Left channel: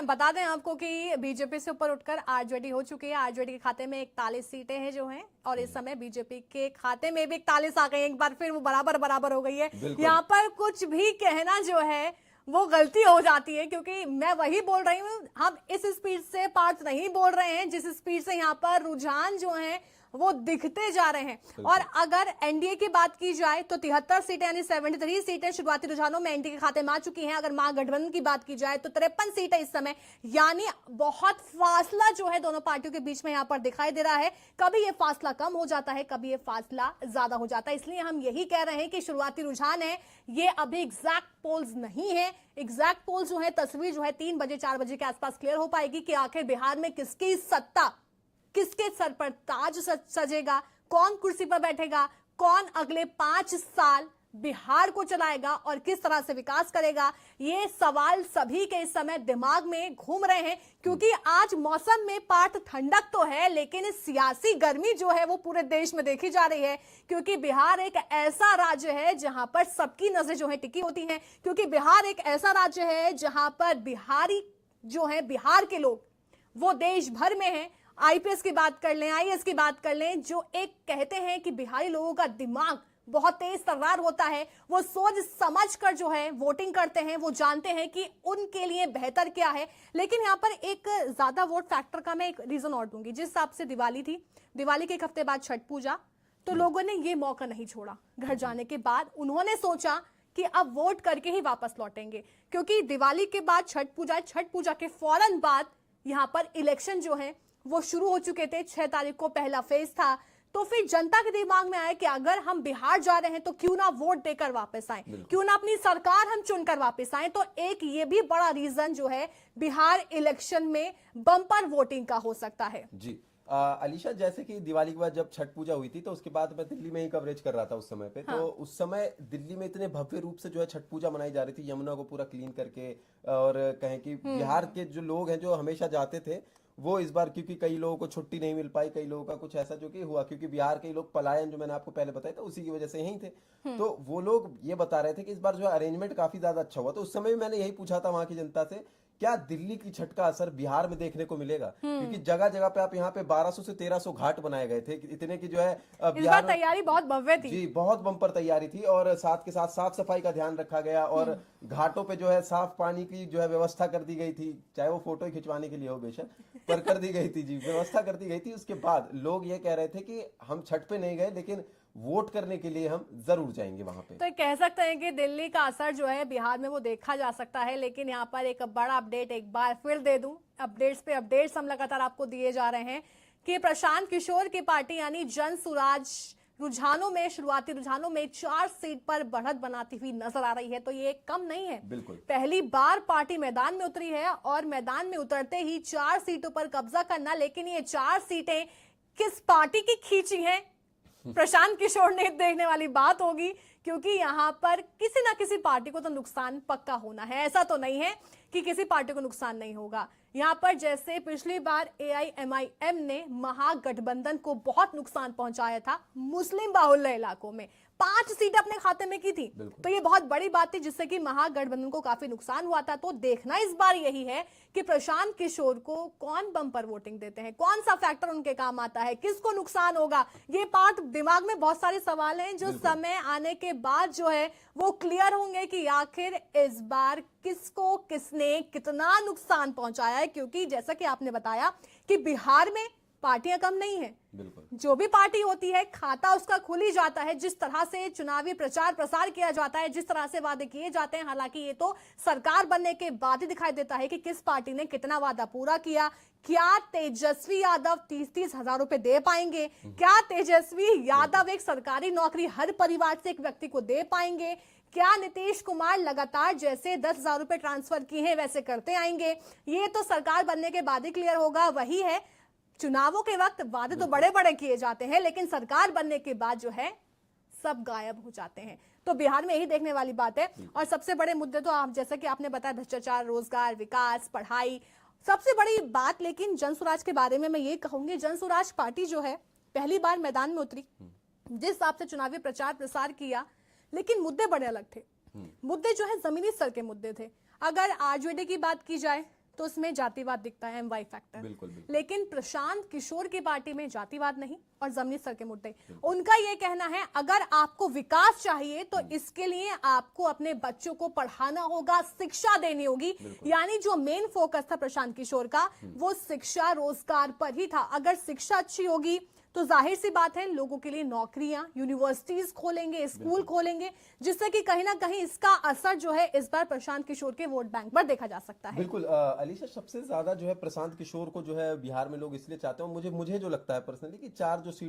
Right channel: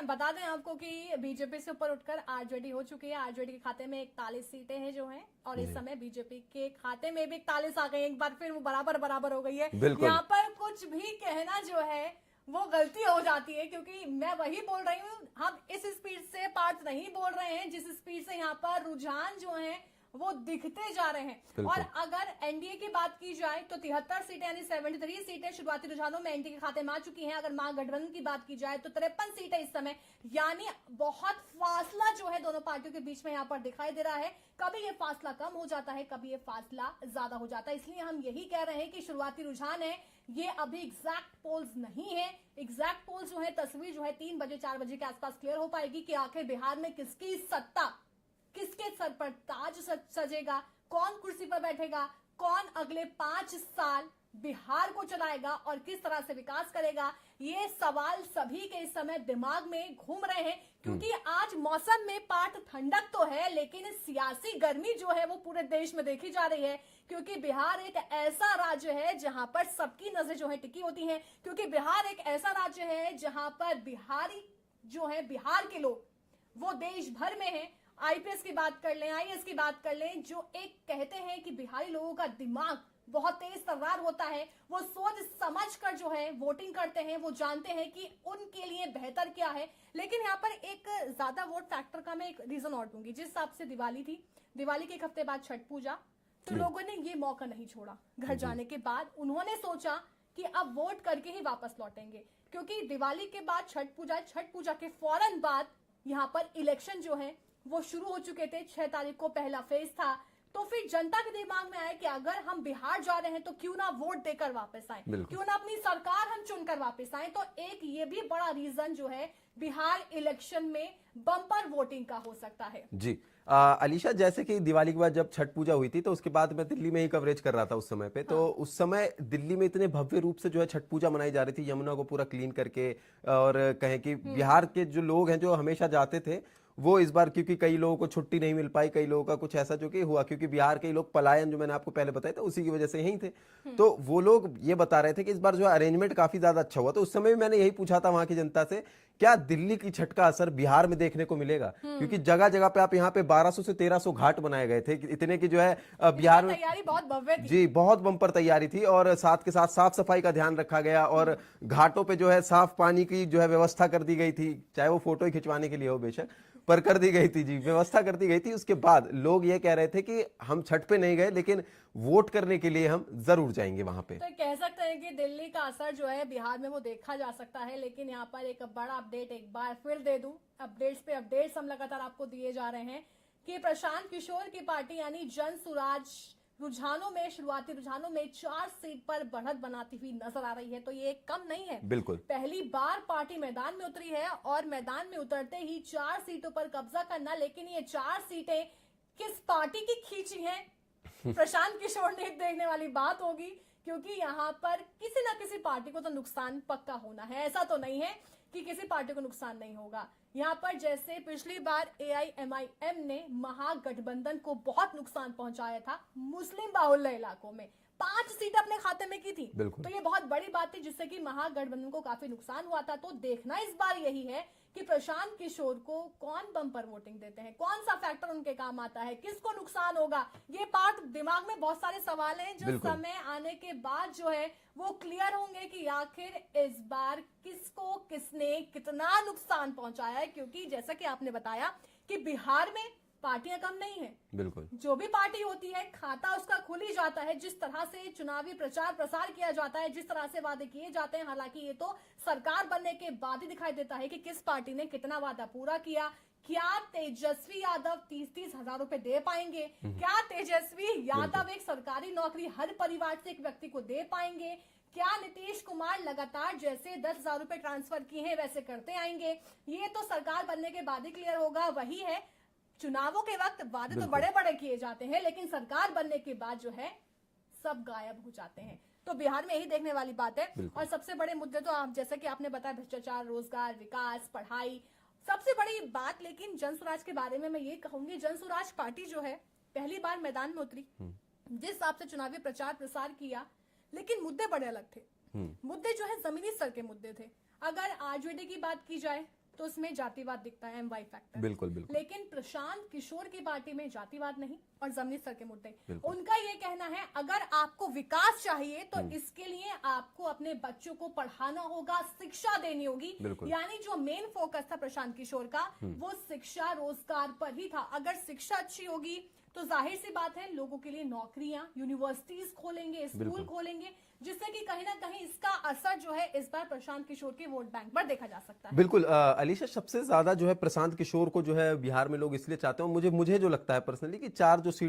हैं, बता दें आपको कि बीजेपी से ऊपर उठकर आरजेडी हो चुकी है। आरजेडी के खाते में 41 सीटें हैं जो हैं, और इस समय बीजेपी के खाते में भी 41 आ गई। एक बार फिर वो बराबर हो गई है। यहाँ पर कुछ भी कहना जो है वो गलती हो जाती है, क्योंकि मैं वही बोल रही हूँ, हम इस स्पीड से पार्ट नहीं बोल रहे हैं जिस स्पीड से यहाँ पर रुझान जो है वो दिखते जा रहे हैं। और अगर एनडीए की बात की जाए तो 73 सीटें यानी 73 सीटें शुरुआती रुझानों में एनडीए के खाते में आ चुकी हैं। अगर महागठबंधन की बात की जाए तो 53 सीटें इस समय, यानी बहुत फासला जो है दोनों पार्टियों के बीच में यहां पर दिखाई दे रहा है। कभी ये फासला कम हो जाता है, कभी ये फासला ज्यादा हो जाता है। इसलिए हम यही कह रहे हैं कि शुरुआती रुझान है ये अभी एग्जैक्ट पोल्स नहीं है। एग्जैक्ट पोल्स जो है, तस्वीर जो है 3 बजे 4 बजे के आसपास क्लियर हो पाएगी कि आखिर बिहार में किसकी सत्ता, किसके सर पर ताज सजेगा, कौन कुर्सी पर बैठेगा, कौन अगले 5 साल बिहार को चलाएगा और किस तरह से विकास करेगा। ये सवाल सभी के इस समय दिमाग में घूम रहे हैं, क्योंकि आज मौसम में पार्ट ठंडक तो है, लेकिन सियासी गर्मी जो है वो पूरे देश में देखी जा रही है। क्योंकि बिहार एक ऐसा राज्य है जहां पर सबकी नजरें जो है टिकी होती हैं, क्योंकि बिहार एक ऐसा राज्य है जहां पर बिहारी जो है, बिहार के लोग वो देश भर में है। आईपीएस की बात कर लें, आईएएस की बात कर लें, जो एक कहते हैं कि बिहारी लोगों का दिमाग बहुत तेज तर्रार होता है, वो सोच समझ कर जो है वोटिंग करते हैं, वो जानते हैं कि उनके लिए बेहतर क्या है। लेकिन यहाँ पर एक ज्यादा वोट फैक्टर का मैं एक रीजन और दूंगी। जिस हिसाब से दिवाली थी, दिवाली के एक हफ्ते बाद छठ पूजा, तो लोगों ने ये मौका नहीं छोड़ा। घर जाने के बाद उन्होंने सोचा कि अब वोट करके ही वापस लौटेंगे, क्योंकि दिवाली के बाद छठ पूजा के फौरन बाद यहां पर इलेक्शन जो है वो शुरू हो चुके थे। 6 तारीख को पहला फेज था। तो फिर जनता के दिमाग में आया कि अगर हम बिहार जा रहे हैं तो क्यों ना वोट देकर वापस आए, क्यों ना अपनी सरकार हम चुनकर वापस आए। तो एक ये भी बड़ा रीजन जो है बिहार इलेक्शन में बम्पर वोटिंग का हो सकता है। जी अलीशा, जैसे कि दिवाली के बाद जब छठ पूजा हुई थी तो उसके बाद मैं दिल्ली में ही कवरेज कर रहा था उस समय पे। हाँ। तो उस समय दिल्ली में इतने भव्य रूप से जो है छठ पूजा मनाई जा रही थी, यमुना को पूरा क्लीन करके। और कहें कि बिहार के जो लोग हैं जो हमेशा जाते थे, वो इस बार क्योंकि कई लोगों को छुट्टी नहीं मिल पाई, कई लोगों का कुछ ऐसा जो कि हुआ, क्योंकि बिहार के लोग पलायन जो मैंने आपको पहले बताया था उसी की वजह से यही थे। तो वो लोग ये बता रहे थे कि इस बार जो अरेंजमेंट काफी ज्यादा अच्छा हुआ। तो उस समय भी मैंने यही पूछा था वहां की जनता से, क्या दिल्ली की छठ का असर बिहार में देखने को मिलेगा? क्योंकि जगह जगह पे आप यहाँ पे 1200 से 1300 घाट बनाए गए थे, इतने की जो है बिहार में तैयारी बहुत भव्य थी। जी, बहुत बम्पर तैयारी थी। और साथ के साथ साफ सफाई का ध्यान रखा गया, और घाटों पे जो है साफ पानी की जो है व्यवस्था कर दी गई थी, चाहे वो फोटो ही खिंचवाने के लिए हो बेशक, पर कर दी गई थी। जी, व्यवस्था कर दी गई थी। उसके बाद लोग ये कह रहे थे कि हम छठ पे नहीं गए, लेकिन वोट करने के लिए हम जरूर जाएंगे वहां पे। तो कह सकते हैं कि दिल्ली का असर जो है बिहार में वो देखा जा सकता है। लेकिन यहाँ पर एक बड़ा अपडेट एक बार फिर दे दूं, अपडेट्स पे अपडेट्स हम लगातार आपको दिए जा रहे हैं कि प्रशांत किशोर की पार्टी यानी जन सुराज रुझानों में, शुरुआती रुझानों में 4 सीट पर बढ़त बनाती हुई नजर आ रही है। तो ये कम नहीं है, बिल्कुल पहली बार पार्टी मैदान में उतरी है, और मैदान में उतरते ही 4 सीटों पर कब्जा करना। लेकिन ये 4 सीटें किस पार्टी की खींची हैं, प्रशांत किशोर ने देखने वाली बात होगी, क्योंकि यहां पर किसी ना किसी पार्टी को तो नुकसान पक्का होना है। ऐसा तो नहीं है कि किसी पार्टी को नुकसान नहीं होगा। यहां पर जैसे पिछली बार एआईएमआईएम ने महागठबंधन को बहुत नुकसान पहुंचाया था मुस्लिम बाहुल्य इलाकों में, 5 सीटें अपने खाते में की थी। तो ये बहुत बड़ी बात थी, जिससे कि महागठबंधन को काफी नुकसान हुआ था। तो देखना इस बार यही है कि प्रशांत किशोर को कौन बम्पर वोटिंग देते हैं, कौन सा फैक्टर उनके काम आता है, किसको नुकसान होगा। ये पार्ट दिमाग में बहुत सारे सवाल हैं जो समय आने के बाद जो है वो क्लियर होंगे कि आखिर इस बार किसको किसने कितना नुकसान पहुंचाया है। क्योंकि जैसा कि आपने बताया कि बिहार में पार्टियां कम नहीं है, बिल्कुल जो भी पार्टी होती है खाता उसका खुल ही जाता है। जिस तरह से चुनावी प्रचार प्रसार किया जाता है, जिस तरह से वादे किए जाते हैं, हालांकि ये तो सरकार बनने के बाद ही दिखाई देता है कि किस पार्टी ने कितना वादा पूरा किया। क्या तेजस्वी यादव 30-30 हजार रुपए दे पाएंगे? क्या तेजस्वी यादव एक सरकारी नौकरी हर परिवार से एक व्यक्ति को दे पाएंगे? क्या नीतीश कुमार लगातार जैसे 10,000 रुपए ट्रांसफर किए हैं वैसे करते आएंगे? ये तो सरकार बनने के बाद ही क्लियर होगा। वही है, चुनावों के वक्त वादे तो बड़े बड़े किए जाते हैं, लेकिन सरकार बनने के बाद जो है सब गायब हो जाते हैं। तो बिहार में यही देखने वाली बात है। और सबसे बड़े मुद्दे तो आप जैसे कि आपने बताया, भ्रष्टाचार, रोजगार, विकास, पढ़ाई, सबसे बड़ी बात। लेकिन जनसुराज के बारे में मैं ये कहूंगी, जनसुराज पार्टी जो है पहली बार मैदान में उतरी, जिस हिसाब से चुनावी प्रचार प्रसार किया, लेकिन मुद्दे बड़े अलग थे। मुद्दे जो है जमीनी स्तर के मुद्दे थे। अगर आरजेडी की बात की जाए तो उसमें जातिवाद दिखता है, एमवाई फैक्टर। बिल्कुल बिल्कुल। लेकिन प्रशांत किशोर की पार्टी में जातिवाद नहीं और जमीनी स्तर के मुद्दे। उनका ये कहना है अगर आपको विकास चाहिए तो इसके लिए आपको अपने बच्चों को पढ़ाना होगा, शिक्षा देनी होगी। यानी जो मेन फोकस था प्रशांत किशोर का वो शिक्षा रोजगार पर ही था। अगर शिक्षा अच्छी होगी तो जाहिर सी बात है लोगों के लिए नौकरियां, यूनिवर्सिटीज खोलेंगे, स्कूल खोलेंगे, जिससे कि कहीं ना कहीं इसका असर जो है इस बार प्रशांत किशोर के वोट बैंक पर देखा जा सकता है। बिल्कुल अलीशा, सबसे ज्यादा जो है प्रशांत किशोर को जो है बिहार में लोग इसलिए चाहते हैं, मुझे जो लगता है पर्सनली कि 4 जो सीट